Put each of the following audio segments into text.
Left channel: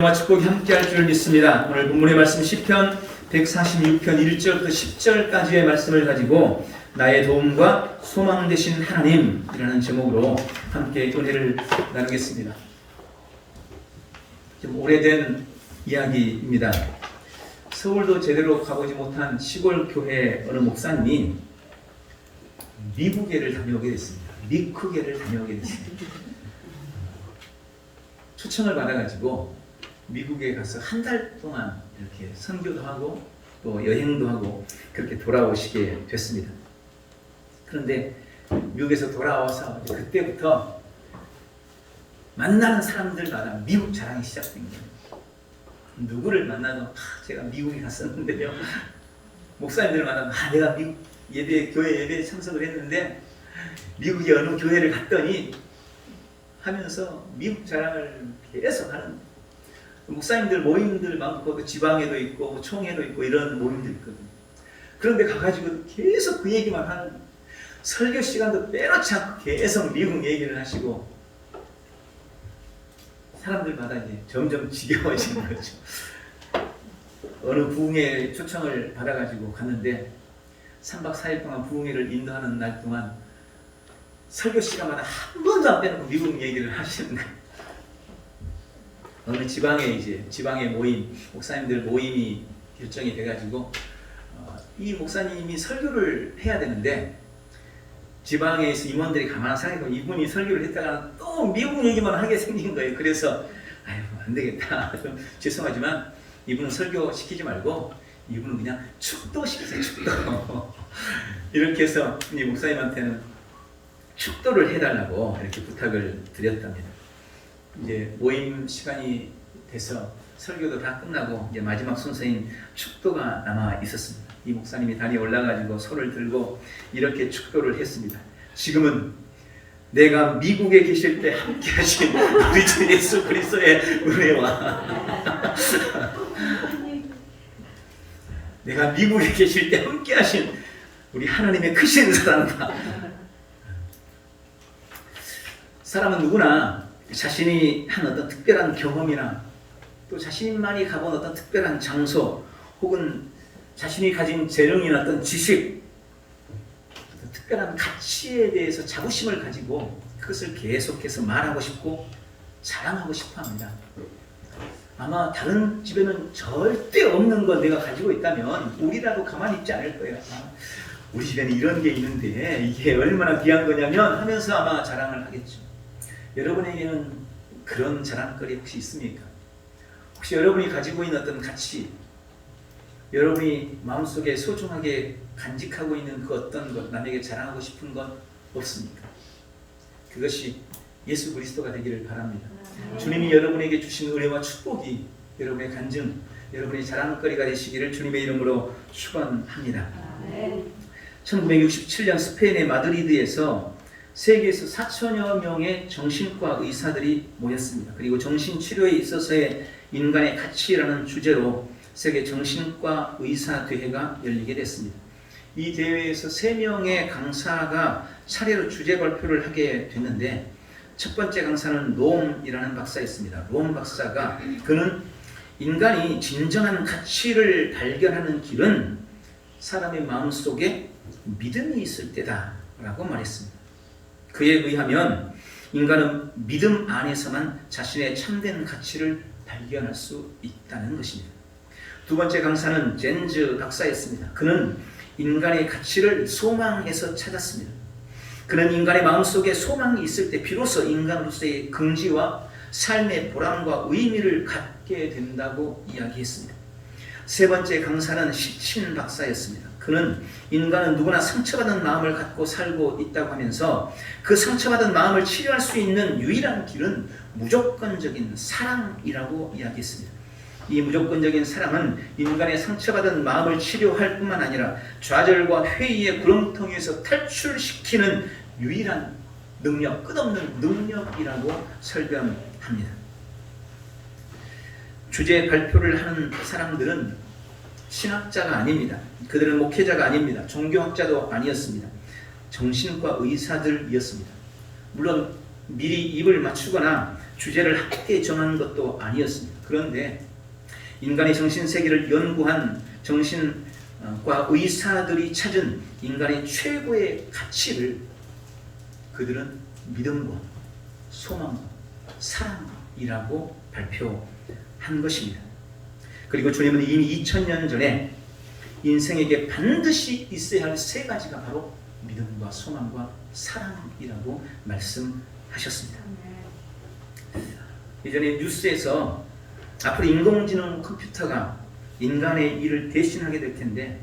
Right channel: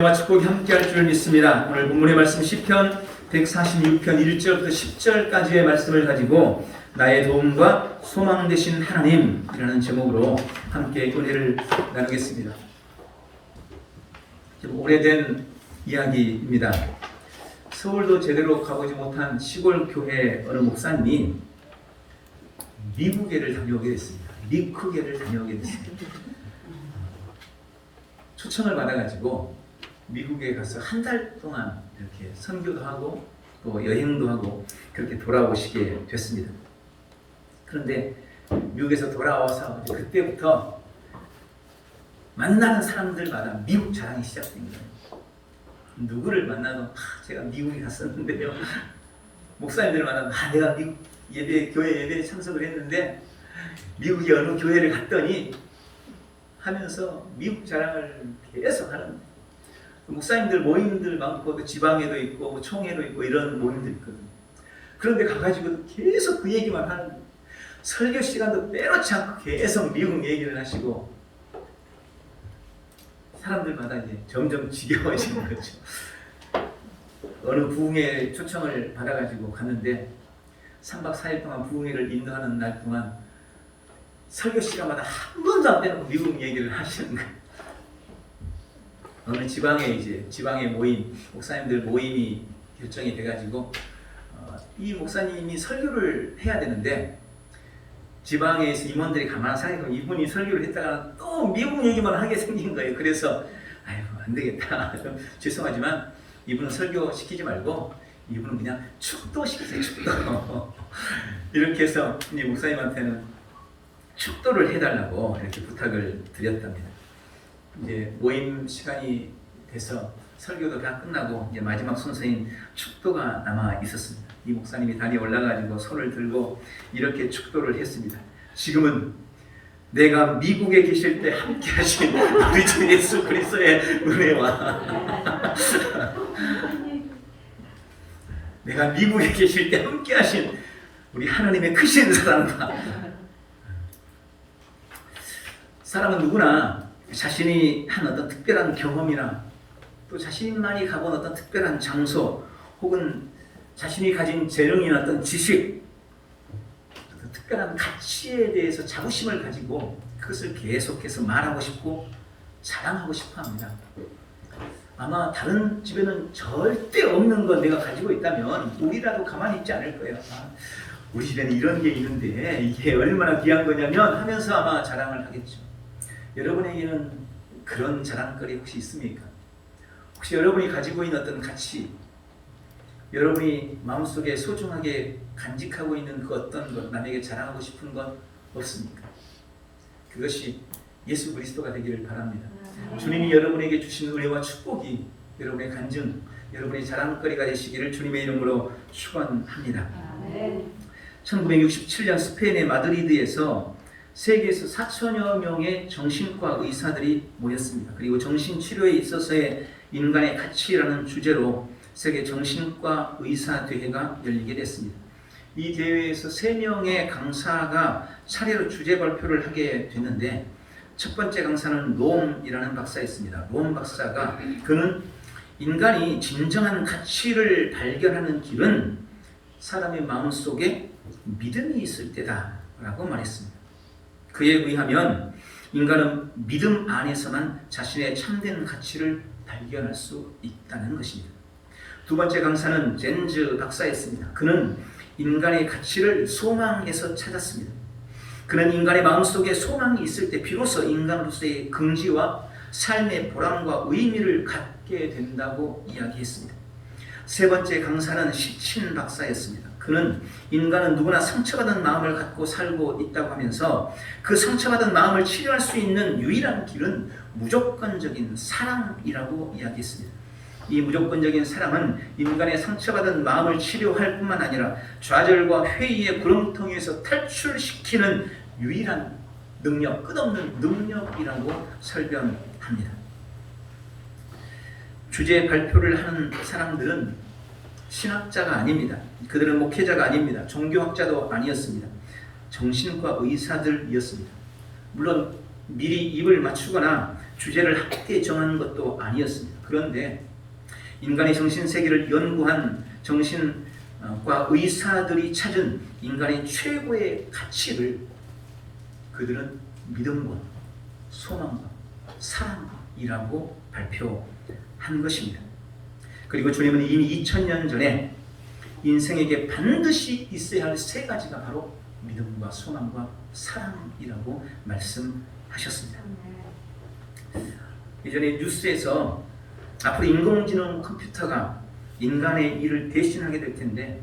축복이 함께할 줄 믿습니다. 오늘 본문의 말씀 시편 146편 1절부터 10절까지의 말씀을 가지고 나의 도움과 소망 되신 하나님이라는 제목으로 함께 은혜를 나누겠습니다. 좀 오래된 이야기입니다. 서울도 제대로 가보지 못한 시골 교회 어느 목사님이 미국에를 다녀오게 됐습니다. 미국에를 다녀오게 됐습니다. 초청을 받아가지고 미국에 가서 한 달 동안 이렇게 선교도 하고 또 여행도 하고 그렇게 돌아오시게 됐습니다. 그런데 미국에서 돌아와서 그때부터 만나는 사람들마다 미국 자랑이 시작된 거예요. 누구를 만나도 제가 미국에 갔었는데요. 목사님들마다 내가 미국 교회 예배에 참석을 했는데 미국의 어느 교회를 갔더니 하면서 미국 자랑을 계속 하는 목사님들 모임들 많고 또 지방에도 있고 총회도 있고 이런 모임들 있거든요. 그런데 가가지고 계속 그 얘기만 하는, 설교 시간도 빼놓지 않고 계속 미국 얘기를 하시고 사람들마다 이제 점점 지겨워지는 거죠. 어느 부흥회 초청을 받아가지고 갔는데 3박 4일 동안 부흥회를 인도하는 날 동안 설교 시간마다 한 번도 안 빼놓고 미국 얘기를 하시는 거예요. 어느 지방의 모임, 목사님들 모임이 결정이 돼가지고 이 목사님이 설교를 해야 되는데 지방에서 임원들이 가만히 생각해보면 이분이 설교를 했다가 또 미국 얘기만 하게 생긴 거예요. 그래서 안 되겠다. 좀 죄송하지만 이분은 설교 시키지 말고 이분은 그냥 축도 시키세요. 축도. 이렇게 해서 이 목사님한테는 축도를 해달라고 이렇게 부탁을 드렸답니다. 이제 모임 시간이 돼서 설교도 다 끝나고 이제 마지막 순서인 축도가 남아 있었습니다. 이 목사님이 단에 올라가지고 손을 들고 이렇게 축도를 했습니다. 지금은 내가 미국에 계실 때 함께 하신 우리 주 예수 그리스도의 은혜와 내가 미국에 계실 때 함께 하신 우리 하나님의 크신 사랑과, 사람은 누구나 자신이 한 어떤 특별한 경험이나 또 자신만이 가본 어떤 특별한 장소 혹은 자신이 가진 재능이나 어떤 지식, 어떤 특별한 가치에 대해서 자부심을 가지고 그것을 계속해서 말하고 싶고 자랑하고 싶어 합니다. 아마 다른 집에는 절대 없는 걸 내가 가지고 있다면 우리라도 가만히 있지 않을 거예요. 우리 집에는 이런 게 있는데 이게 얼마나 귀한 거냐면 하면서 아마 자랑을 하겠죠. 여러분에게는 그런 자랑거리 혹시 있습니까? 혹시 여러분이 가지고 있는 어떤 가치, 여러분이 마음속에 소중하게 간직하고 있는 그 어떤 것, 남에게 자랑하고 싶은 것 없습니까? 그것이 예수 그리스도가 되기를 바랍니다. 주님이 여러분에게 주신 은혜와 축복이 여러분의 간증, 여러분의 자랑거리가 되시기를 주님의 이름으로 축원합니다. 1967년 스페인의 마드리드에서 세계에서 4천여 명의 정신과 의사들이 모였습니다. 그리고 정신치료에 있어서의 인간의 가치라는 주제로 세계 정신과 의사 대회가 열리게 됐습니다. 이 대회에서 3명의 강사가 차례로 주제 발표를 하게 됐는데 첫 번째 강사는 롬이라는 박사였습니다. 롬 박사가 그는 인간이 진정한 가치를 발견하는 길은 사람의 마음속에 믿음이 있을 때다라고 말했습니다. 그에 의하면 인간은 믿음 안에서만 자신의 참된 가치를 발견할 수 있다는 것입니다. 두 번째 강사는 젠즈 박사였습니다. 그는 인간의 가치를 소망에서 찾았습니다. 그는 인간의 마음속에 소망이 있을 때 비로소 인간으로서의 긍지와 삶의 보람과 의미를 갖게 된다고 이야기했습니다. 세 번째 강사는 시친 박사였습니다. 그는 인간은 누구나 상처받은 마음을 갖고 살고 있다고 하면서 그 상처받은 마음을 치료할 수 있는 유일한 길은 무조건적인 사랑이라고 이야기했습니다. 이 무조건적인 사랑은 인간의 상처받은 마음을 치료할 뿐만 아니라 좌절과 회의의 구렁텅이에서 탈출시키는 유일한 능력, 끝없는 능력이라고 설명합니다. 주제 발표를 하는 사람들은 신학자가 아닙니다. 그들은 목회자가 아닙니다. 종교학자도 아니었습니다. 정신과 의사들이었습니다. 물론 미리 입을 맞추거나 주제를 함께 정하는 것도 아니었습니다. 그런데 인간의 정신세계를 연구한 정신과 의사들이 찾은 인간의 최고의 가치를 그들은 믿음과 소망과 사랑이라고 발표한 것입니다. 그리고 주님은 이미 2000년 전에 인생에게 반드시 있어야 할 세 가지가 바로 믿음과 소망과 사랑이라고 말씀하셨습니다. 예전에 뉴스에서 앞으로 인공지능 컴퓨터가 인간의 일을 대신하게 될 텐데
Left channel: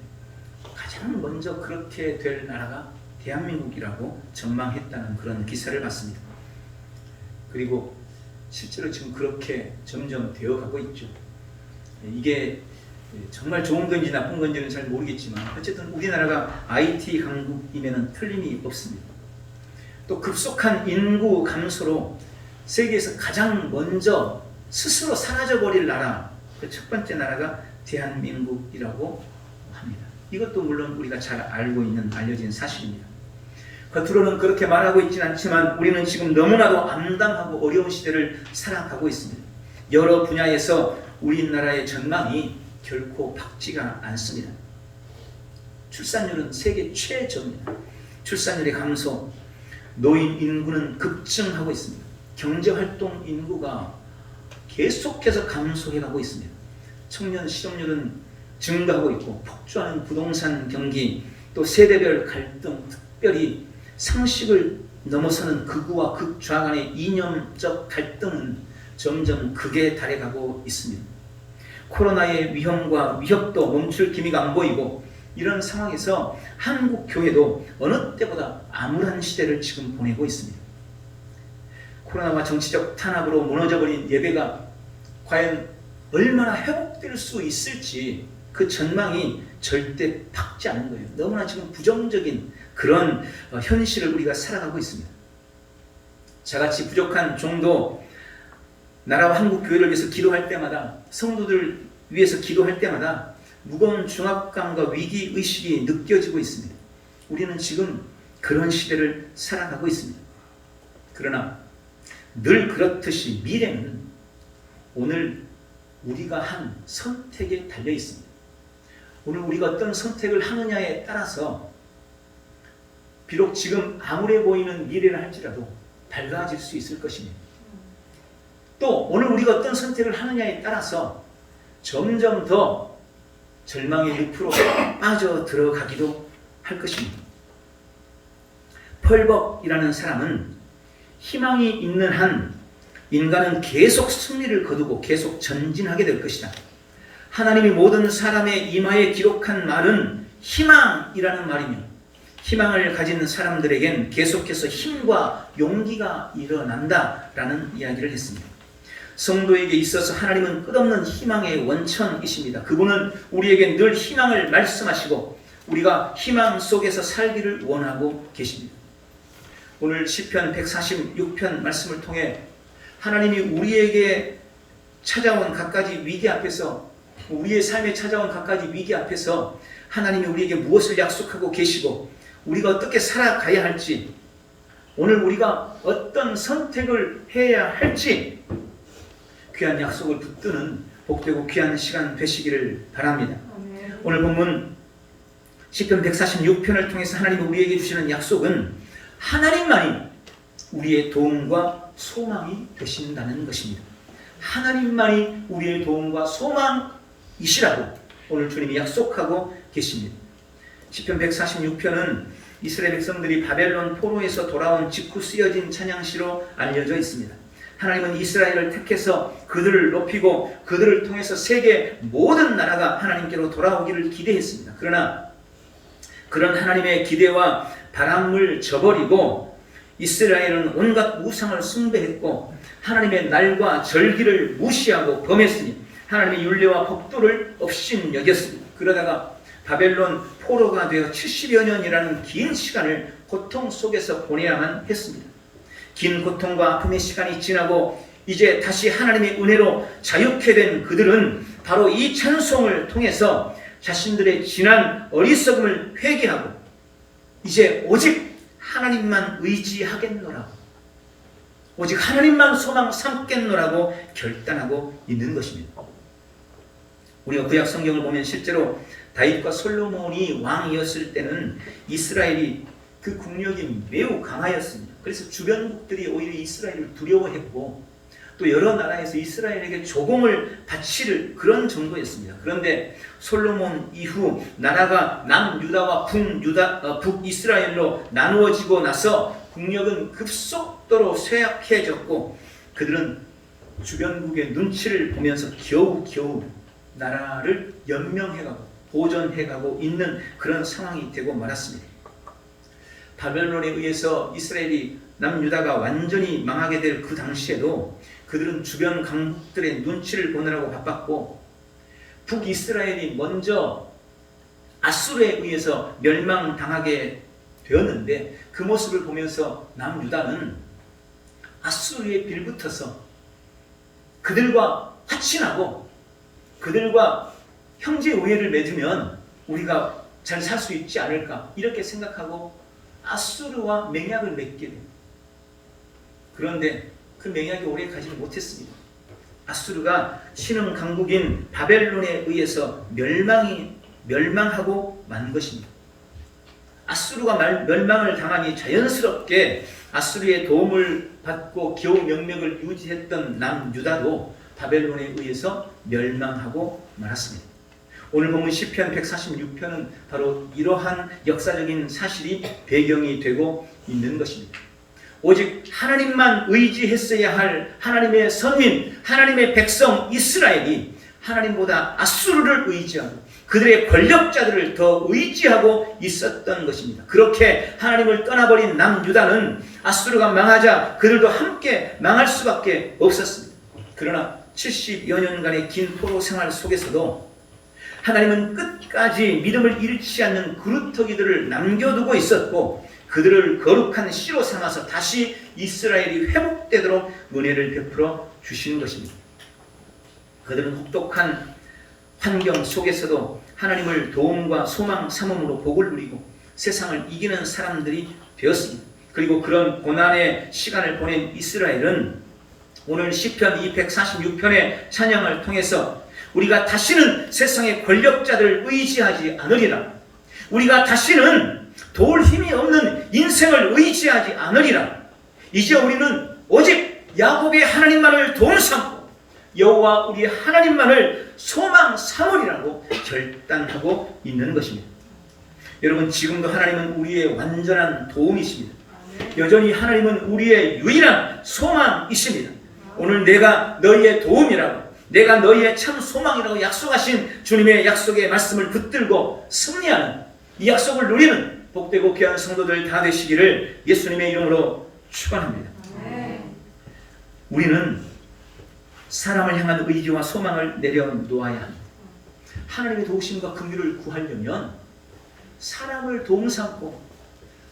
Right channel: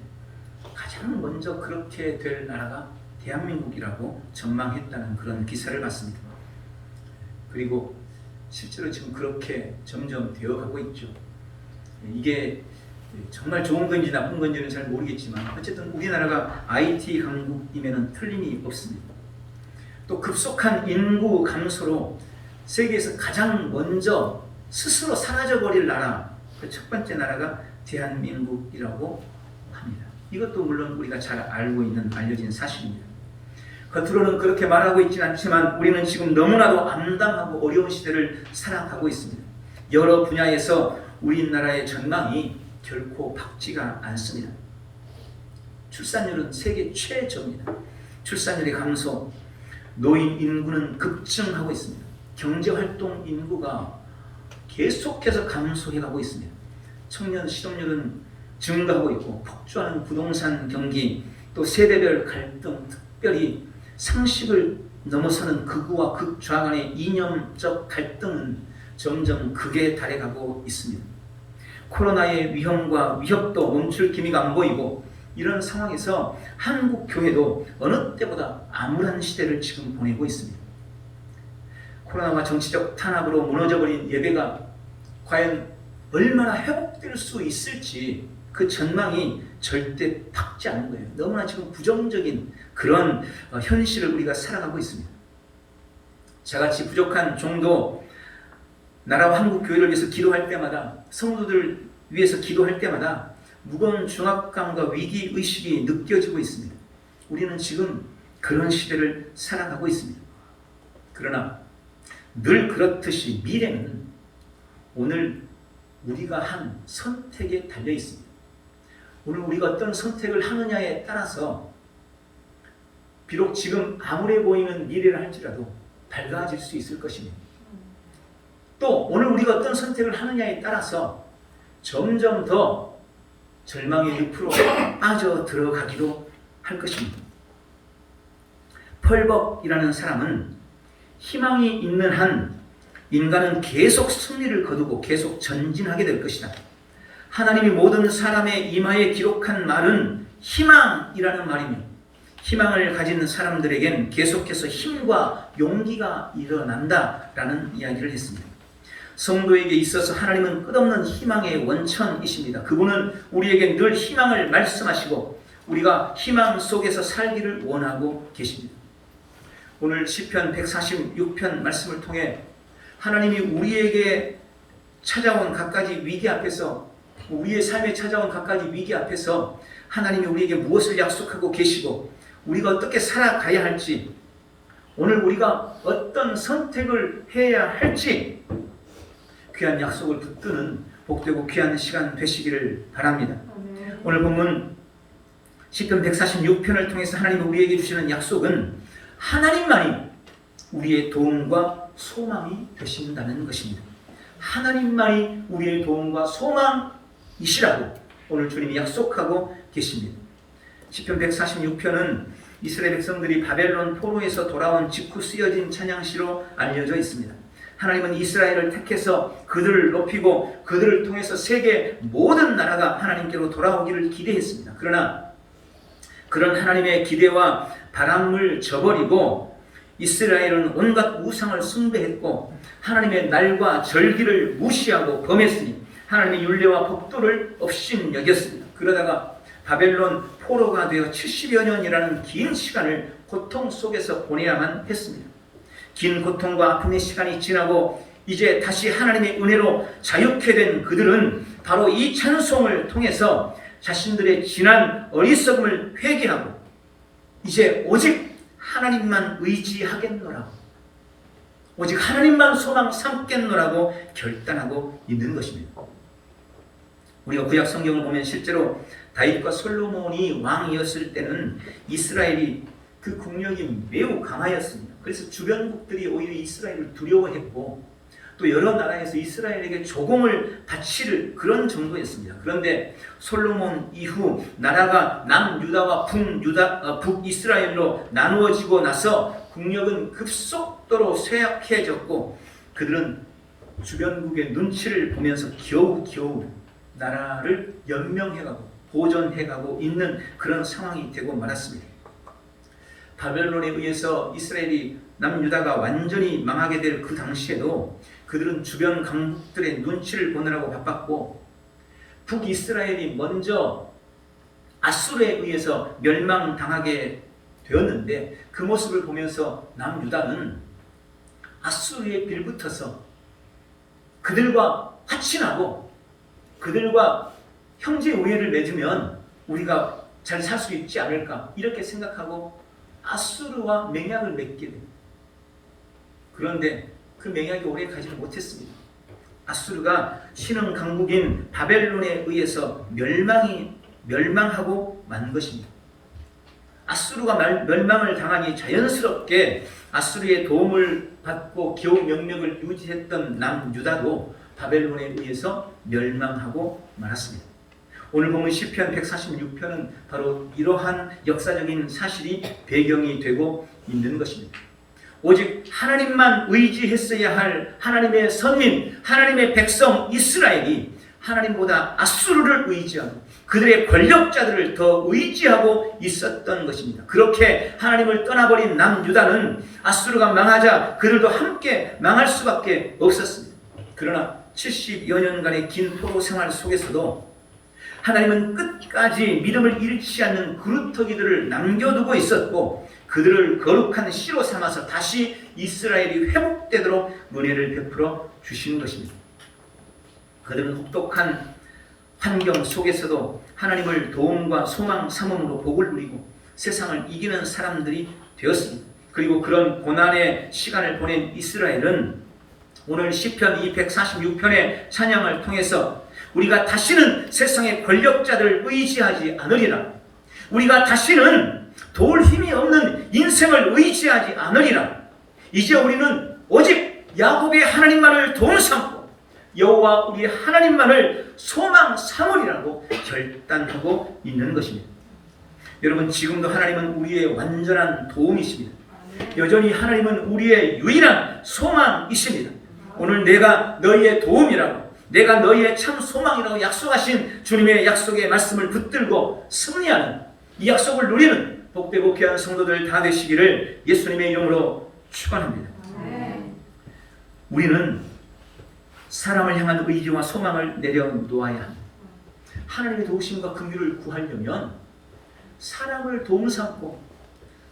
가장 먼저 그렇게 될 나라가 대한민국이라고 전망했다는 그런 기사를 봤습니다. 그리고 실제로 지금 그렇게 점점 되어가고 있죠. 이게 정말 좋은 건지 나쁜 건지는 잘 모르겠지만 어쨌든 우리나라가 IT 강국임에는 틀림이 없습니다. 또 급속한 인구 감소로 세계에서 가장 먼저 스스로 사라져버릴 나라, 그 첫 번째 나라가 대한민국이라고 합니다. 이것도 물론 우리가 잘 알고 있는 알려진 사실입니다. 겉으로는 그렇게 말하고 있지는 않지만 우리는 지금 너무나도 암담하고 어려운 시대를 살아가고 있습니다. 여러 분야에서 우리나라의 전망이 결코 밝지가 않습니다. 출산율은 세계 최저입니다. 출산율의 감소, 노인 인구는 급증하고 있습니다. 경제활동 인구가 계속해서 감소해가고 있습니다. 청년 실업률은 증가하고 있고 폭주하는 부동산 경기, 또 세대별 갈등, 특별히 상식을 넘어서는 극우와 극좌 간의 이념적 갈등은 점점 극에 달해가고 있습니다. 코로나의 위험과 위협도 멈출 기미가 안 보이고 이런 상황에서 한국 교회도 어느 때보다 암울한 시대를 지금 보내고 있습니다. 코로나와 정치적 탄압으로 무너져버린 예배가 과연 얼마나 회복될 수 있을지 그 전망이 절대 밝지 않은 거예요. 너무나 지금 부정적인 그런 현실을 우리가 살아가고 있습니다. 저같이 부족한 종도 나라와 한국 교회를 위해서 기도할 때마다, 성도들 위해서 기도할 때마다 무거운 중압감과 위기의식이 느껴지고 있습니다. 우리는 지금 그런 시대를 살아가고 있습니다. 그러나 늘 그렇듯이 미래는 오늘 우리가 한 선택에 달려 있습니다. 오늘 우리가 어떤 선택을 하느냐에 따라서 비록 지금 암울해 보이는 미래를 할지라도 밝아질 수 있을 것입니다. 또 오늘 우리가 어떤 선택을 하느냐에 따라서 점점 더 절망의 늪으로 빠져들어가기도 할 것입니다. 펄벅이라는 사람은 희망이 있는 한 인간은 계속 승리를 거두고 계속 전진하게 될 것이다. 하나님이 모든 사람의 이마에 기록한 말은 희망이라는 말이며 희망을 가진 사람들에겐 계속해서 힘과 용기가 일어난다라는 이야기를 했습니다. 성도에게 있어서 하나님은 끝없는 희망의 원천이십니다. 그분은 우리에게 늘 희망을 말씀하시고 우리가 희망 속에서 살기를 원하고 계십니다. 오늘 시편 146편 말씀을 통해 하나님이 우리에게 찾아온 갖가지 위기 앞에서, 우리의 삶에 찾아온 갖가지 위기 앞에서 하나님이 우리에게 무엇을 약속하고 계시고 우리가 어떻게 살아가야 할지, 오늘 우리가 어떤 선택을 해야 할지 귀한 약속을 붙드는 복되고 귀한 시간 되시기를 바랍니다. 오늘 본문 시편 146편을 통해서 하나님이 우리에게 주시는 약속은 하나님만이 우리의 도움과 소망이 되신다는 것입니다. 하나님만이 우리의 도움과 소망이시라고 오늘 주님이 약속하고 계십니다. 시편 146편은 이스라엘 백성들이 바벨론 포로에서 돌아온 직후 쓰여진 찬양시로 알려져 있습니다. 하나님은 이스라엘을 택해서 그들을 높이고 그들을 통해서 세계 모든 나라가 하나님께로 돌아오기를 기대했습니다. 그러나 그런 하나님의 기대와 바람을 저버리고 이스라엘은 온갖 우상을 숭배했고 하나님의 날과 절기를 무시하고 범했으니 하나님의 율례와 법도를 업신여겼습니다. 그러다가 바벨론 포로가 되어 70여 년이라는 긴 시간을 고통 속에서 보내야만 했습니다. 긴 고통과 아픔의 시간이 지나고 이제 다시 하나님의 은혜로 자유케 된 그들은 바로 이 찬송을 통해서 자신들의 지난 어리석음을 회개하고 이제 오직 하나님만 의지하겠노라. 오직 하나님만 소망 삼겠노라고 결단하고 있는 것입니다. 우리가 구약 성경을 보면 실제로 다윗과 솔로몬이 왕이었을 때는 이스라엘이 그 국력이 매우 강하였습니다. 그래서 주변국들이 오히려 이스라엘을 두려워했고 또 여러 나라에서 이스라엘에게 조공을 바칠 그런 정도였습니다. 그런데 솔로몬 이후 나라가 남유다와 북이스라엘로 나누어지고 나서 국력은 급속도로 쇠약해졌고 그들은 주변국의 눈치를 보면서 겨우겨우 나라를 연명해가고 보존해가고 있는 그런 상황이 되고 말았습니다. 바벨론에 의해서 이스라엘이 남유다가 완전히 망하게 될 그 당시에도 그들은 주변 강국들의 눈치를 보느라고 바빴고 북이스라엘이 먼저 아수르에 의해서 멸망당하게 되었는데 그 모습을 보면서 남유다는 아수르에 빌붙어서 그들과 화친하고 그들과 형제 우애를 맺으면 우리가 잘 살 수 있지 않을까 이렇게 생각하고 아수르와 맹약을 맺게 됩니다. 그런데 그 맹약이 오래 가지 못했습니다. 아수르가 신흥 강국인 바벨론에 의해서 멸망하고 만 것입니다. 아수르가 멸망을 당하니 자연스럽게 아수르의 도움을 받고 겨우 명맥을 유지했던 남유다도 바벨론에 의해서 멸망하고 말았습니다. 오늘 보면 시편 146편은 바로 이러한 역사적인 사실이 배경이 되고 있는 것입니다. 오직 하나님만 의지했어야 할 하나님의 선민, 하나님의 백성 이스라엘이 하나님보다 아수르를 의지하고 그들의 권력자들을 더 의지하고 있었던 것입니다. 그렇게 하나님을 떠나버린 남유다는 아수르가 망하자 그들도 함께 망할 수밖에 없었습니다. 그러나 70여 년간의 긴 포로 생활 속에서도 하나님은 끝까지 믿음을 잃지 않는 그루터기들을 남겨두고 있었고 그들을 거룩한 씨로 삼아서 다시 이스라엘이 회복되도록 은혜를 베풀어 주시는 것입니다. 그들은 혹독한 환경 속에서도 하나님을 도움과 소망 삼음으로 복을 누리고 세상을 이기는 사람들이 되었습니다. 그리고 그런 고난의 시간을 보낸 이스라엘은 오늘 시편 246편의 찬양을 통해서 우리가 다시는 세상의 권력자들을 의지하지 않으리라. 우리가 다시는 도울 힘이 없는 인생을 의지하지 않으리라. 이제 우리는 오직 야곱의 하나님만을 도움 삼고 여호와 우리 하나님만을 소망 삼으리라고 결단하고 있는 것입니다. 여러분, 지금도 하나님은 우리의 완전한 도움이십니다. 여전히 하나님은 우리의 유일한 소망이십니다. 오늘 내가 너희의 도움이라고, 내가 너희의 참 소망이라고 약속하신 주님의 약속의 말씀을 붙들고 승리하는, 이 약속을 누리는 복되고 귀한 성도들 다 되시기를 예수님의 이름으로 축원합니다. 우리는 사람을 향한 의지와 소망을 내려놓아야 합니다. 하나님의 도우심과 긍휼을 구하려면 사람을 도움 삼고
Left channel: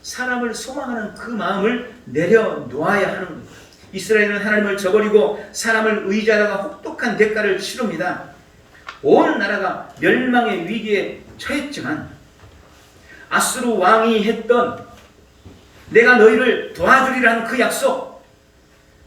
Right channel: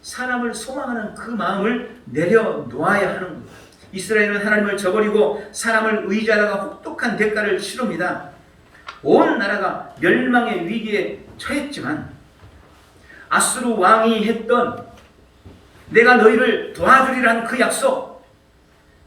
사람을 소망하는 그 마음을 내려놓아야 하는 겁니다. 이스라엘은 하나님을 저버리고 사람을 의지하다가 혹독한 대가를 치릅니다. 온 나라가 멸망의 위기에 처했지만 아수르 왕이 했던 내가 너희를 도와주리라는 그 약속,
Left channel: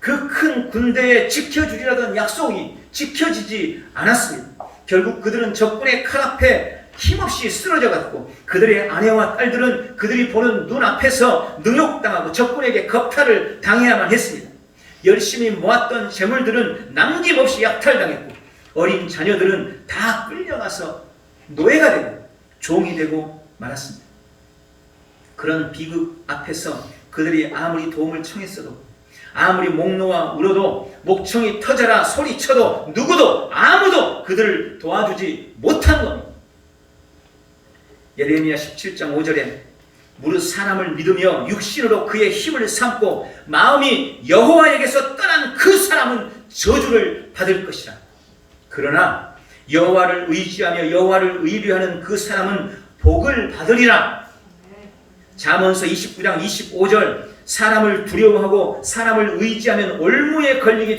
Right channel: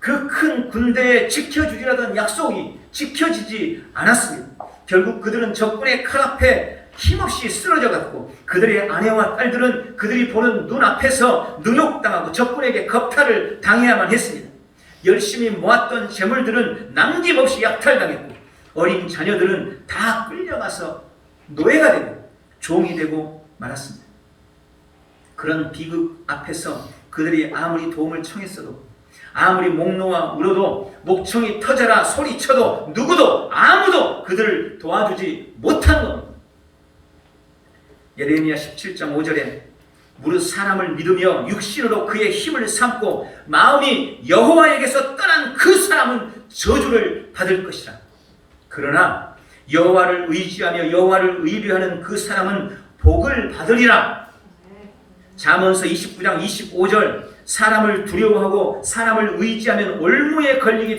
그 큰 군대에 지켜주리라던 약속이 지켜지지 않았습니다. 결국 그들은 적군의 칼 앞에 힘없이 쓰러져 갔고 그들의 아내와 딸들은 그들이 보는 눈앞에서 능욕당하고 적군에게 겁탈을 당해야만 했습니다. 열심히 모았던 재물들은 남김없이 약탈당했고 어린 자녀들은 다 끌려가서 노예가 되고 종이 되고 말았습니다. 그런 비극 앞에서 그들이 아무리 도움을 청했어도, 아무리 목 놓아 울어도, 목청이 터져라 소리쳐도 누구도 아무도 그들을 도와주지 못한 겁니다. 예레미야 17장 5절에 무릇 사람을 믿으며 육신으로 그의 힘을 삼고 마음이 여호와에게서 떠난 그 사람은 저주를 받을 것이라. 그러나 여호와를 의지하며 여호와를 의뢰하는 그 사람은 복을 받으리라. 잠언서 29장 25절 사람을 두려워하고 사람을 의지하면 올무에 걸리게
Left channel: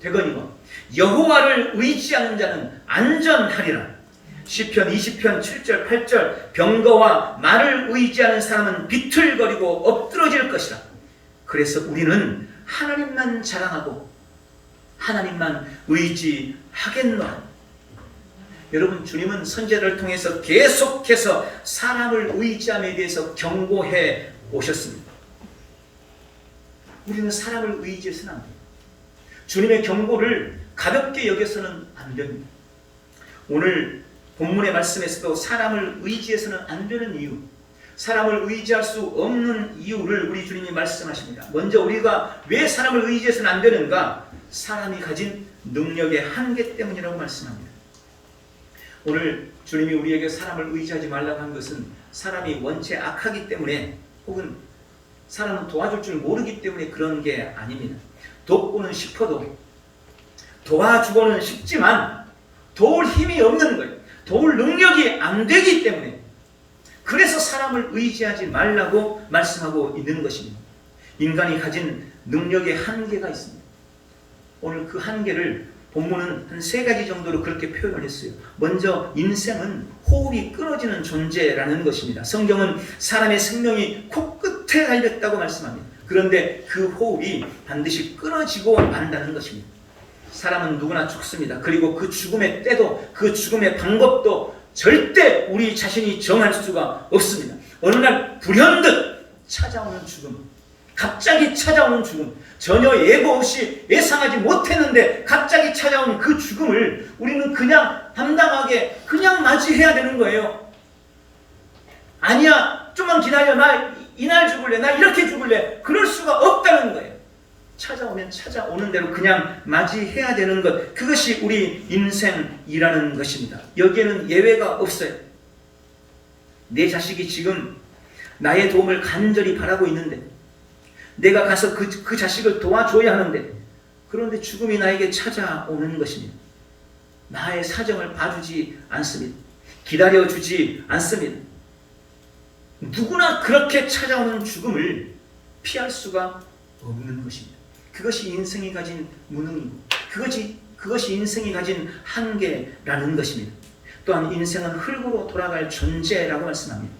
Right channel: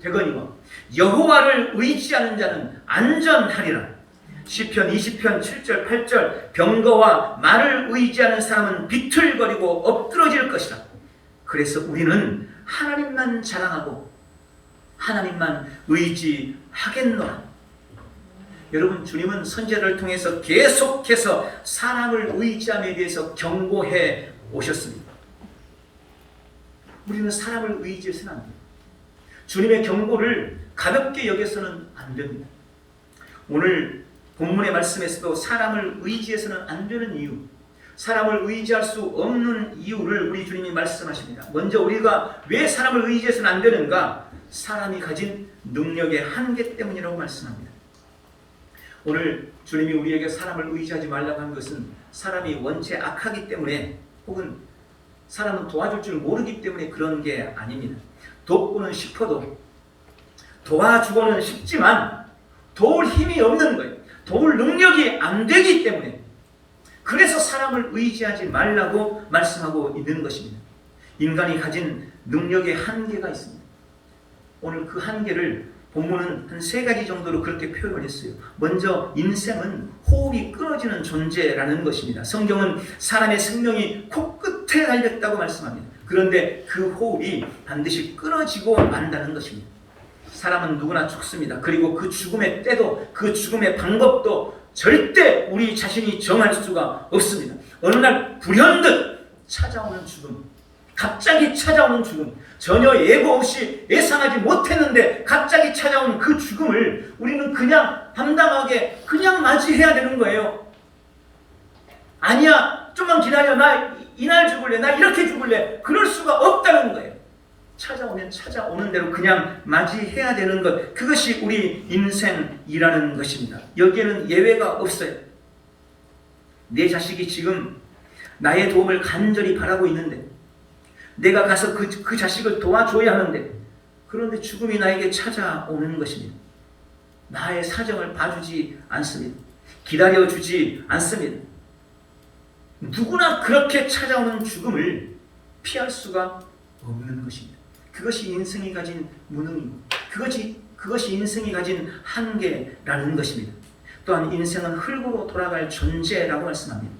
되거니와 여호와를 의지하는 자는 안전하리라. 시편 20편 7절 8절 병거와 말을 의지하는 사람은 비틀거리고 엎드러질 것이라. 그래서 우리는 하나님만 자랑하고 하나님만 의지하겠노라. 여러분, 주님은 선제를 통해서 계속해서 사람을 의지함에 대해서 경고해 오셨습니다. 우리는 사람을 의지해서는 안 됩니다. 주님의 경고를 가볍게 여겨서는 안 됩니다. 오늘 본문의 말씀에서도 사람을 의지해서는 안 되는 이유, 사람을 의지할 수 없는 이유를 우리 주님이 말씀하십니다. 먼저 우리가 왜 사람을 의지해서는 안 되는가? 사람이 가진 능력의 한계 때문이라고 말씀합니다. 오늘 주님이 우리에게 사람을 의지하지 말라고 한 것은 사람이 원체 악하기 때문에, 혹은 사람은 도와줄 줄 모르기 때문에 그런 게 아닙니다. 돕고는 싶어도, 도와주고는 싶지만 도울 힘이 없는 거예요. 도울 능력이 안 되기 때문에, 그래서 사람을 의지하지 말라고 말씀하고 있는 것입니다. 인간이 가진 능력의 한계가 있습니다. 오늘 그 한계를 본문은 한 3가지 정도로 그렇게 표현을 했어요. 먼저 인생은 호흡이 끊어지는 존재라는 것입니다. 성경은 사람의 생명이 코끝에 달렸다고 말씀합니다. 그런데 그 호흡이 반드시 끊어지고 만다는 것입니다. 사람은 누구나 죽습니다. 그리고 그 죽음의 때도, 그 죽음의 방법도 절대 우리 자신이 정할 수가 없습니다. 어느 날 불현듯 찾아오는 죽음, 갑자기 찾아오는 죽음, 전혀 예고 없이 예상하지 못했는데 갑자기 찾아오는 그 죽음을 우리는 그냥 담담하게 그냥 맞이해야 되는 거예요. 아니야, 좀만 기다려, 나 이날 죽을래, 나 이렇게 죽을래, 그럴 수가 없다는 거예요. 찾아오면 찾아오는 대로 그냥 맞이해야 되는 것, 그것이 우리 인생이라는 것입니다. 여기에는 예외가 없어요. 내 자식이 지금 나의 도움을 간절히 바라고 있는데, 내가 가서 그 자식을 도와줘야 하는데, 그런데 죽음이 나에게 찾아오는 것입니다. 나의 사정을 봐주지 않습니다. 기다려주지 않습니다. 누구나 그렇게 찾아오는 죽음을 피할 수가 없는 것입니다. 그것이 인생이 가진 무능이고, 그것이 인생이 가진 한계라는 것입니다. 또한 인생은 흙으로 돌아갈 존재라고 말씀합니다.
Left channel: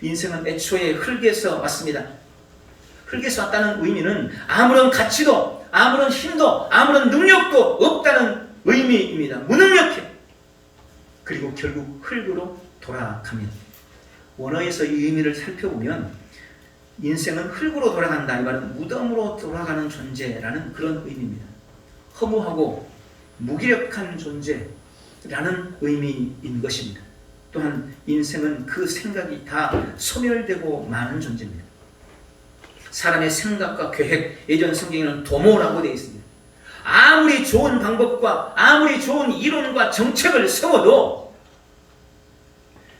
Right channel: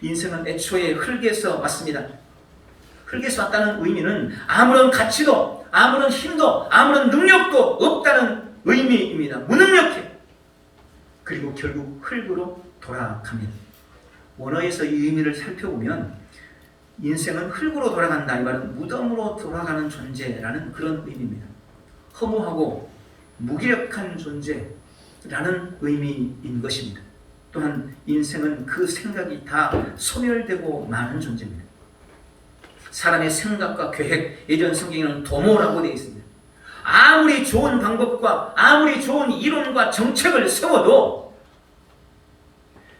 인생은 애초에 흙에서 왔습니다. 흙에서 왔다는 의미는 아무런 가치도, 아무런 힘도, 아무런 능력도 없다는 의미입니다. 무능력해. 그리고 결국 흙으로 돌아갑니다. 원어에서 이 의미를 살펴보면 인생은 흙으로 돌아간다, 이 말은 무덤으로 돌아가는 존재라는 그런 의미입니다. 허무하고 무기력한 존재라는 의미인 것입니다. 또한 인생은 그 생각이 다 소멸되고 마는 존재입니다. 사람의 생각과 계획, 예전 성경에는 도모라고 되어 있습니다. 아무리 좋은 방법과 아무리 좋은 이론과 정책을 세워도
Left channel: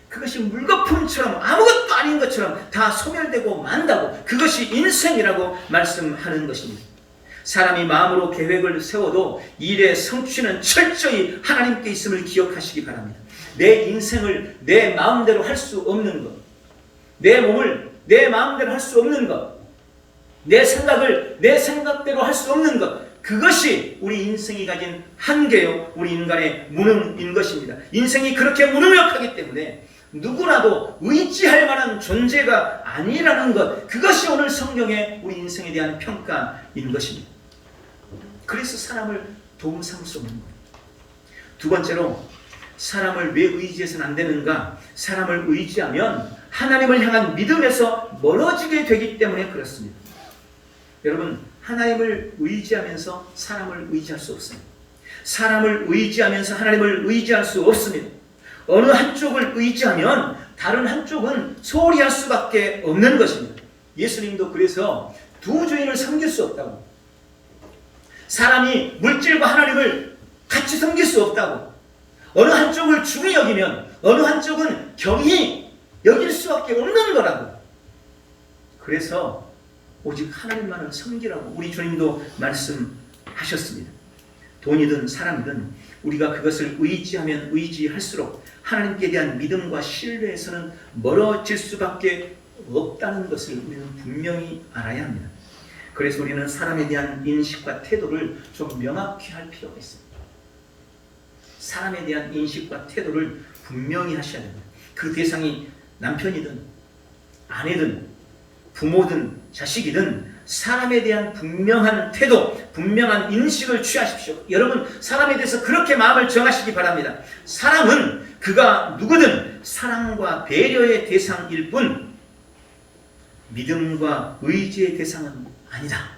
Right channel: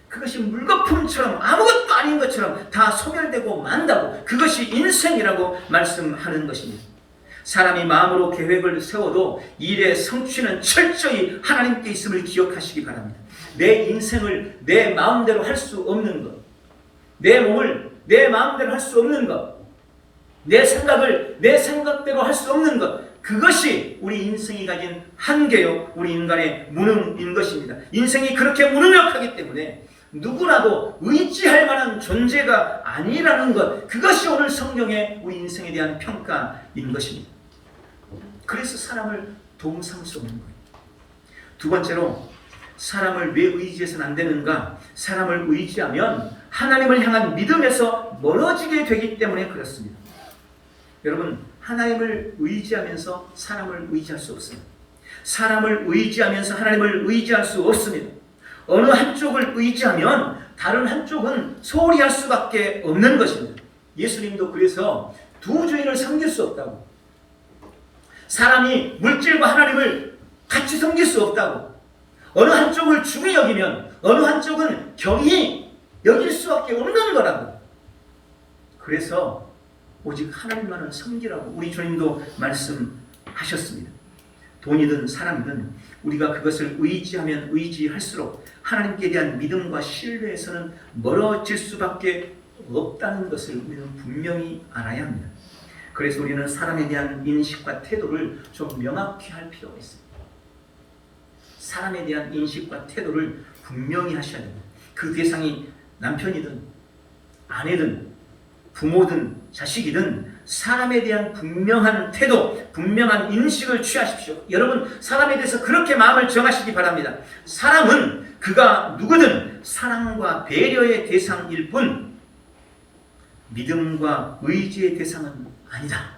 그것이 물거품처럼 아무것도 아닌 것처럼 다 소멸되고 만다고, 그것이 인생이라고 말씀하는 것입니다. 사람이 마음으로 계획을 세워도 일의 성취는 철저히 하나님께 있음을 기억하시기 바랍니다. 내 인생을 내 마음대로 할 수 없는 것, 내 몸을 내 마음대로 할 수 없는 것, 내 생각을 내 생각대로 할 수 없는 것, 그것이 우리 인생이 가진 한계요, 우리 인간의 무능인 것입니다. 인생이 그렇게 무능력하기 때문에 누구라도 의지할 만한 존재가 아니라는 것, 그것이 오늘 성경의 우리 인생에 대한 평가인 것입니다. 그래서 사람을 도움 삼을 수 없는 거예요. 두 번째로, 사람을 왜 의지해서는 안 되는가? 사람을 의지하면 하나님을 향한 믿음에서 멀어지게 되기 때문에 그렇습니다. 여러분, 하나님을 의지하면서 사람을 의지할 수 없습니다. 사람을 의지하면서 하나님을 의지할 수 없습니다. 어느 한쪽을 의지하면 다른 한쪽은 소홀히 할 수밖에 없는 것입니다. 예수님도 그래서 두 주인을 섬길 수 없다고, 사람이 물질과 하나님을 같이 섬길 수 없다고, 어느 한쪽을 중히 여기면 어느 한쪽은 경히 여길 수밖에 없는 거라고, 그래서 오직 하나님만을 섬기라고 우리 주님도 말씀하셨습니다. 돈이든 사람이든 우리가 그것을 의지하면 의지할수록 하나님께 대한 믿음과 신뢰에서는 멀어질 수밖에 없다는 것을 우리는 분명히 알아야 합니다. 그래서 우리는 사람에 대한 인식과 태도를 좀 명확히 할 필요가 있습니다. 사람에 대한 인식과 태도를 분명히 하셔야 됩니다. 그 대상이 남편이든 아내든 부모든 자식이든 사람에 대한 분명한 태도, 분명한 인식을 취하십시오. 여러분, 사람에 대해서 그렇게 마음을 정하시기 바랍니다. 사람은 그가 누구든 사랑과 배려의 대상일 뿐 믿음과 의지의 대상은 아니다.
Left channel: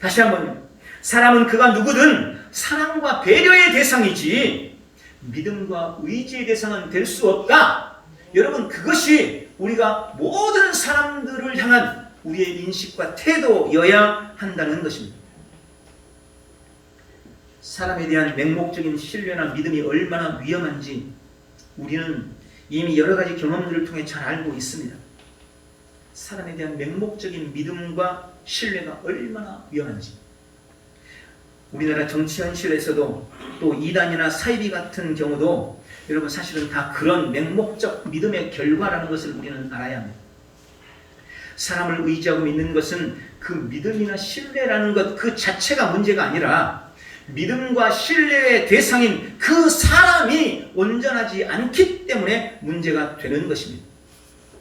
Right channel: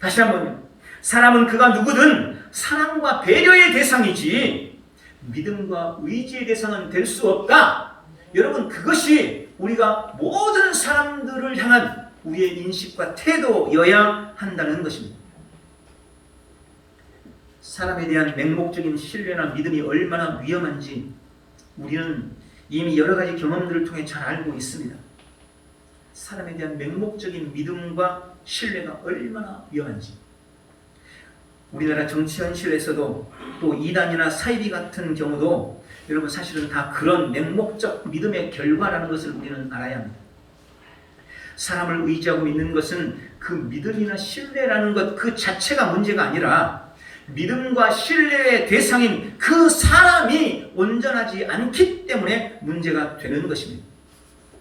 다시 한번, 사람은 그가 누구든 사랑과 배려의 대상이지 믿음과 의지의 대상은 될 수 없다. 여러분, 그것이 우리가 모든 사람들을 향한 우리의 인식과 태도여야 한다는 것입니다. 사람에 대한 맹목적인 신뢰나 믿음이 얼마나 위험한지 우리는 이미 여러 가지 경험들을 통해 잘 알고 있습니다. 사람에 대한 맹목적인 믿음과 신뢰가 얼마나 위험한지. 우리나라 정치 현실에서도 또 이단이나 사이비 같은 경우도 여러분 사실은 다 그런 맹목적 믿음의 결과라는 것을 우리는 알아야 합니다. 사람을 의지하고 믿는 것은 그 믿음이나 신뢰라는 것 그 자체가 문제가 아니라 믿음과 신뢰의 대상인 그 사람이 온전하지 않기 때문에 문제가 되는 것입니다.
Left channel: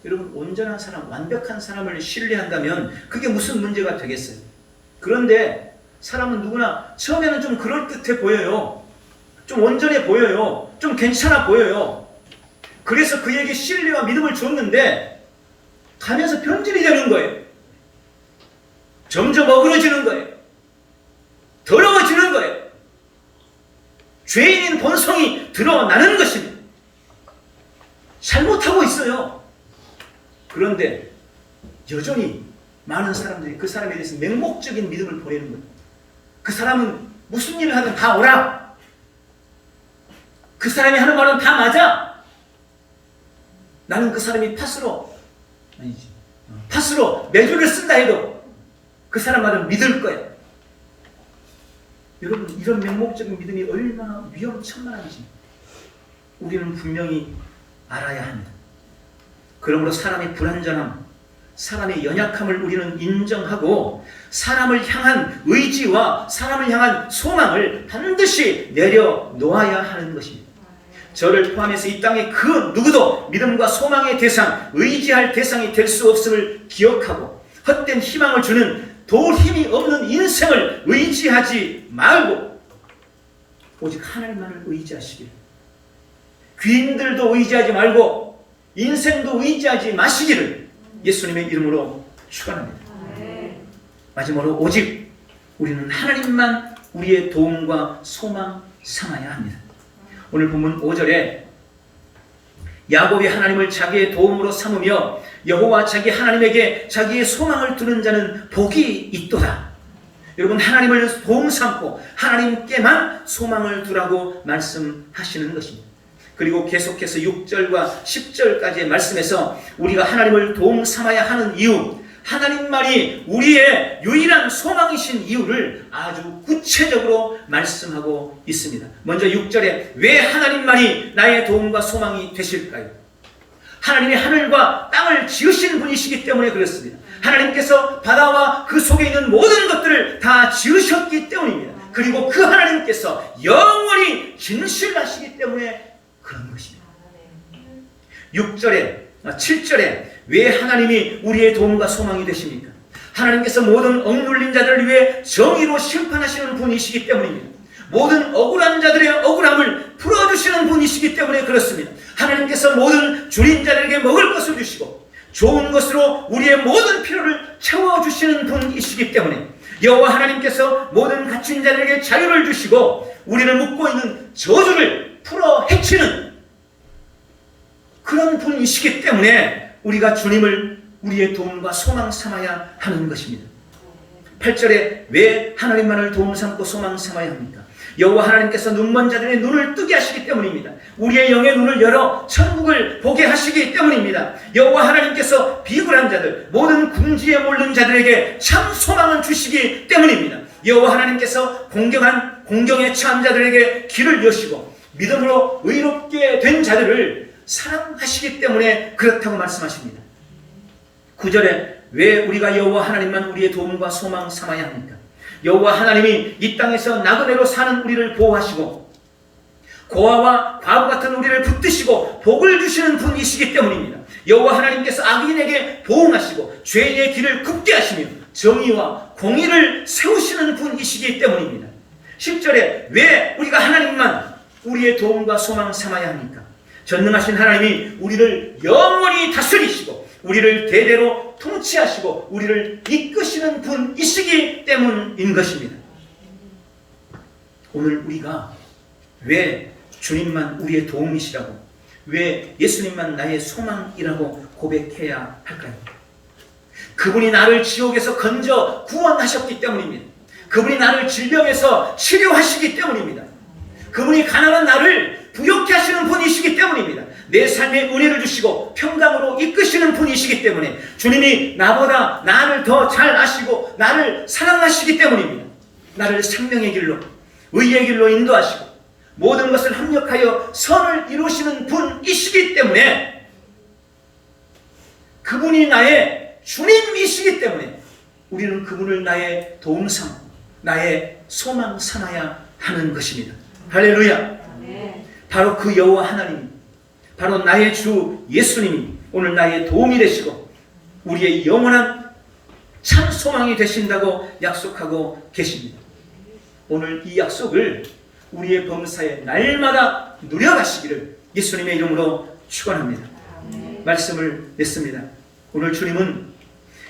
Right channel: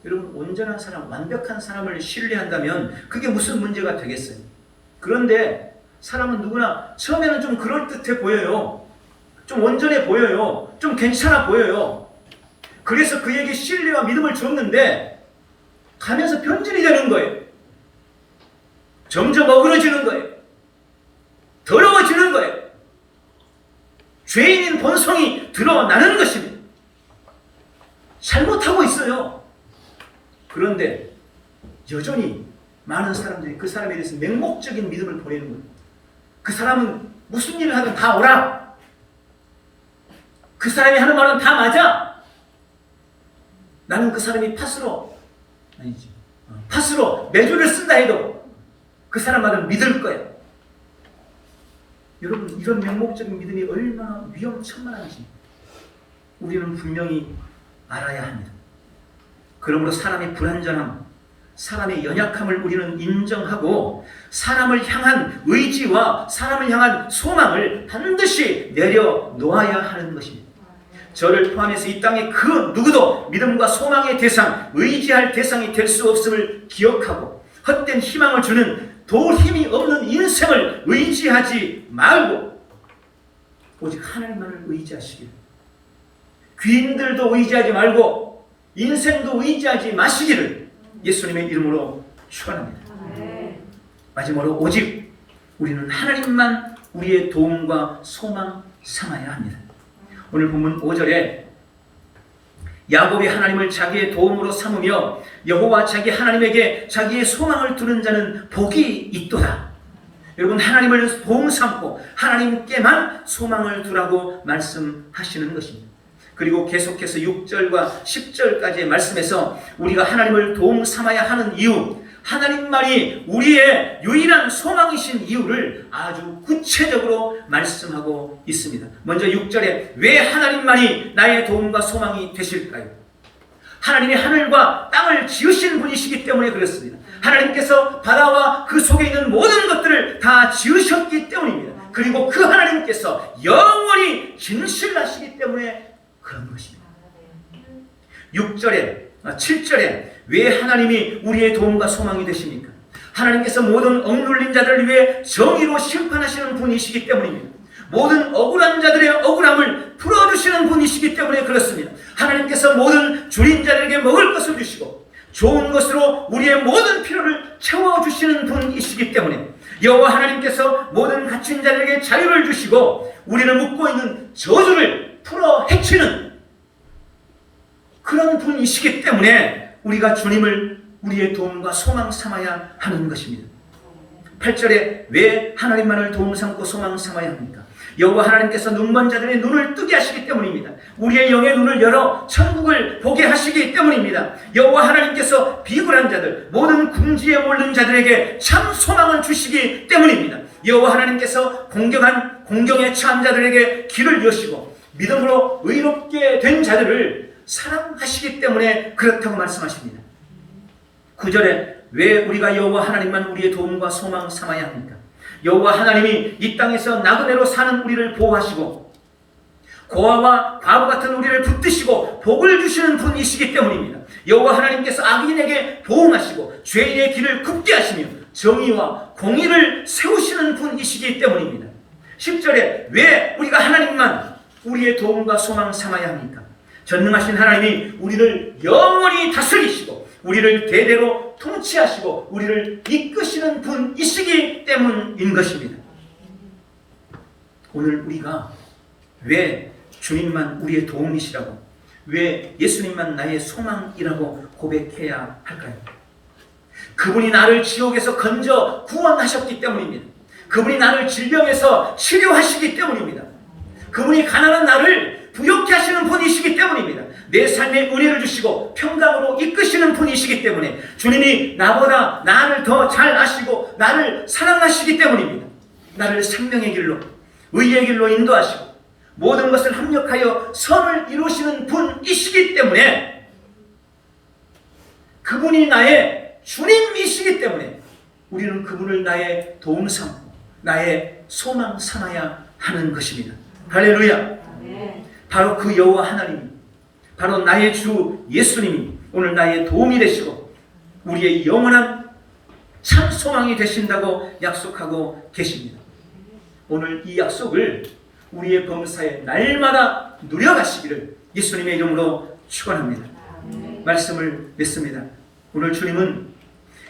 여러분, 온전한 사람, 완벽한 사람을 신뢰한다면 그게 무슨 문제가 되겠어요? 그런데 사람은 누구나 처음에는 좀 그럴듯해 보여요. 좀 온전해 보여요. 좀 괜찮아 보여요. 그래서 그에게 신뢰와 믿음을 줬는데 가면서 변질이 되는 거예요. 점점 어그러지는 거예요. 더러워지는 거예요. 죄인인 본성이 드러나는 것입니다. 잘못하고 있어요. 그런데 여전히 많은 사람들이 그 사람에 대해서 맹목적인 믿음을 보내는 거예요. 그 사람은 무슨 일을 하든 다 오라. 그 사람이 하는 말은 다 맞아. 나는 그 사람이 팥으로 매주를 쓴다 해도 그 사람 말은 믿을 거야. 여러분, 이런 맹목적인 믿음이 얼마나 위험천만한지 우리는 분명히 알아야 합니다. 그러므로 사람의 불완전함, 사람의 연약함을 우리는 인정하고 사람을 향한 의지와 사람을 향한 소망을 반드시 내려놓아야 하는 것입니다. 저를 포함해서 이 땅에 그 누구도 믿음과 소망의 대상, 의지할 대상이 될 수 없음을 기억하고 헛된 희망을 주는 도울 힘이 없는 인생을 의지하지 말고 오직 하늘만을 의지하시길, 귀인들도 의지하지 말고 인생도 의지하지 마시기를 예수님의 이름으로 축원합니다. 마지막으로 오직 우리는 하나님만 우리의 도움과 소망 삼아야 합니다. 오늘 본문 5절에 야곱이 하나님을 자기의 도움으로 삼으며 여호와 자기 하나님에게 자기의 소망을 두는 자는 복이 있도다. 여러분, 하나님을 도움 삼고 하나님께만 소망을 두라고 말씀하시는 것입니다. 그리고 계속해서 6절과 10절까지의 말씀에서 우리가 하나님을 도움 삼아야 하는 이유, 하나님만이 우리의 유일한 소망이신 이유를 아주 구체적으로 말씀하고 있습니다. 먼저 6절에 왜 하나님만이 나의 도움과 소망이 되실까요? 하나님이 하늘과 땅을 지으신 분이시기 때문에 그렇습니다. 하나님께서 바다와 그 속에 있는 모든 것들을 다 지으셨기 때문입니다. 그리고 그 하나님께서 영원히 진실하시기 때문에 그런 것입니다. 7절에 왜 하나님이 우리의 도움과 소망이 되십니까? 하나님께서 모든 억눌린 자들을 위해 정의로 심판하시는 분이시기 때문입니다. 모든 억울한 자들의 억울함을 풀어주시는 분이시기 때문에 그렇습니다. 하나님께서 모든 줄인 자들에게 먹을 것을 주시고 좋은 것으로 우리의 모든 필요를 채워주시는 분이시기 때문에 여호와 하나님께서 모든 갇힌 자들에게 자유를 주시고 우리를 묶고 있는 저주를 풀어 헤치는 그런 분이시기 때문에 우리가 주님을 우리의 도움과 소망 삼아야 하는 것입니다. 8절에 왜 하나님만을 도움 삼고 소망 삼아야 합니까? 여호와 하나님께서 눈먼 자들의 눈을 뜨게 하시기 때문입니다. 우리의 영의 눈을 열어 천국을 보게 하시기 때문입니다. 여호와 하나님께서 비굴한 자들, 모든 궁지에 몰린 자들에게 참 소망을 주시기 때문입니다. 여호와 하나님께서 공경에 처한 자들에게 길을 여시고 믿음으로 의롭게 된 자들을 사랑하시기 때문에 그렇다고 말씀하십니다. 9절에 왜 우리가 여호와 하나님만 우리의 도움과 소망 삼아야 합니까? 여호와 하나님이 이 땅에서 나그네로 사는 우리를 보호하시고 고아와 과부 같은 우리를 붙드시고 복을 주시는 분이시기 때문입니다. 여호와 하나님께서 악인에게 보응하시고 죄인의 길을 굽게 하시며 정의와 공의를 세우시는 분이시기 때문입니다. 10절에 왜 우리가 하나님만 우리의 도움과 소망 삼아야 합니까? 전능하신 하나님이 우리를 영원히 다스리시고 우리를 대대로 통치하시고 우리를 이끄시는 분이시기 때문인 것입니다. 오늘 우리가 왜 주님만 우리의 도움이시라고, 왜 예수님만 나의 소망이라고 고백해야 할까요? 그분이 나를 지옥에서 건져 구원하셨기 때문입니다. 그분이 나를 질병에서 치료하시기 때문입니다. 그분이 가난한 나를 부욕케 하시는 분이시기 때문입니다. 내 삶에 은혜를 주시고 평강으로 이끄시는 분이시기 때문에 주님이 나보다 나를 더 잘 아시고 나를 사랑하시기 때문입니다. 나를 생명의 길로, 의의 길로 인도하시고 모든 것을 합력하여 선을 이루시는 분이시기 때문에, 그분이 나의 주님이시기 때문에 우리는 그분을 나의 도움 삼고 나의 소망 삼아야 하는 것입니다. 할렐루야. 바로 그 여호와 하나님, 바로 나의 주 예수님이 오늘 나의 도움이 되시고 우리의 영원한 참 소망이 되신다고 약속하고 계십니다. 오늘 이 약속을 우리의 범사에 날마다 누려가시기를 예수님의 이름으로 축원합니다. 말씀을 냈습니다. 오늘 주님은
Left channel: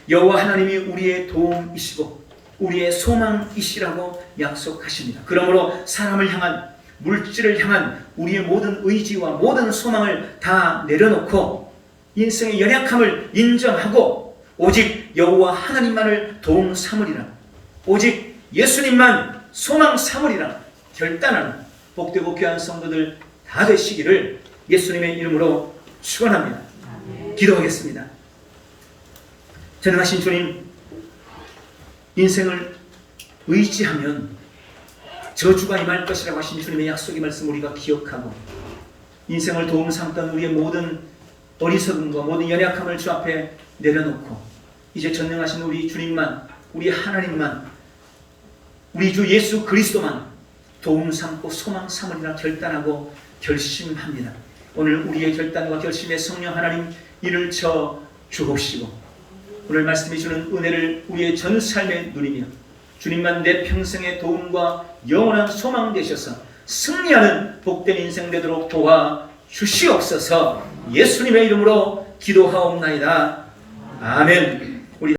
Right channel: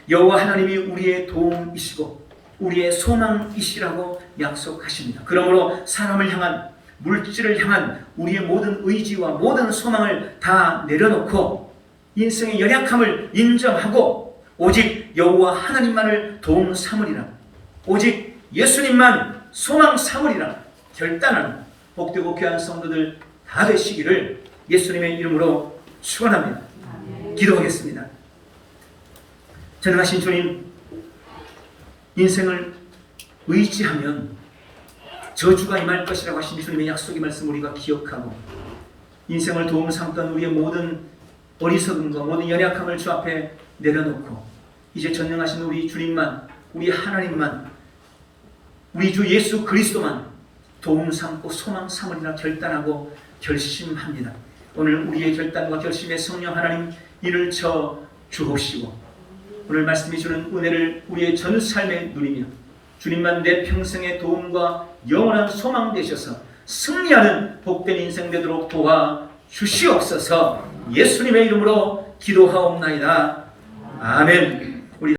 여호와 하나님이 우리의 도움이시고 우리의 소망이시라고 약속하십니다. 그러므로 사람을 향한, 물질을 향한 우리의 모든 의지와 모든 소망을 다 내려놓고 인생의 연약함을 인정하고 오직 여호와 하나님만을 도움 삼으리라, 오직 예수님만 소망 삼으리라 결단하는 복되고 귀한 성도들 다 되시기를 예수님의 이름으로 축원합니다. 기도하겠습니다. 전능하신 주님, 인생을 의지하면 저주가 임할 것이라고 하신 주님의 약속의 말씀 우리가 기억하고 인생을 도움 삼던 우리의 모든 어리석음과 모든 연약함을 주 앞에 내려놓고 이제 전능하신 우리 주님만, 우리 하나님만, 우리 주 예수 그리스도만 도움 삼고 소망 삼으리라 결단하고 결심합니다. 오늘 우리의 결단과 결심에 성령 하나님 이를 쳐 주옵시고 오늘 말씀해 주는 은혜를 우리의 전 삶의 눈이며 주님만 내 평생의 도움과 영원한 소망 되셔서 승리하는 복된 인생 되도록 도와 주시옵소서. 예수님의 이름으로 기도하옵나이다. 아멘.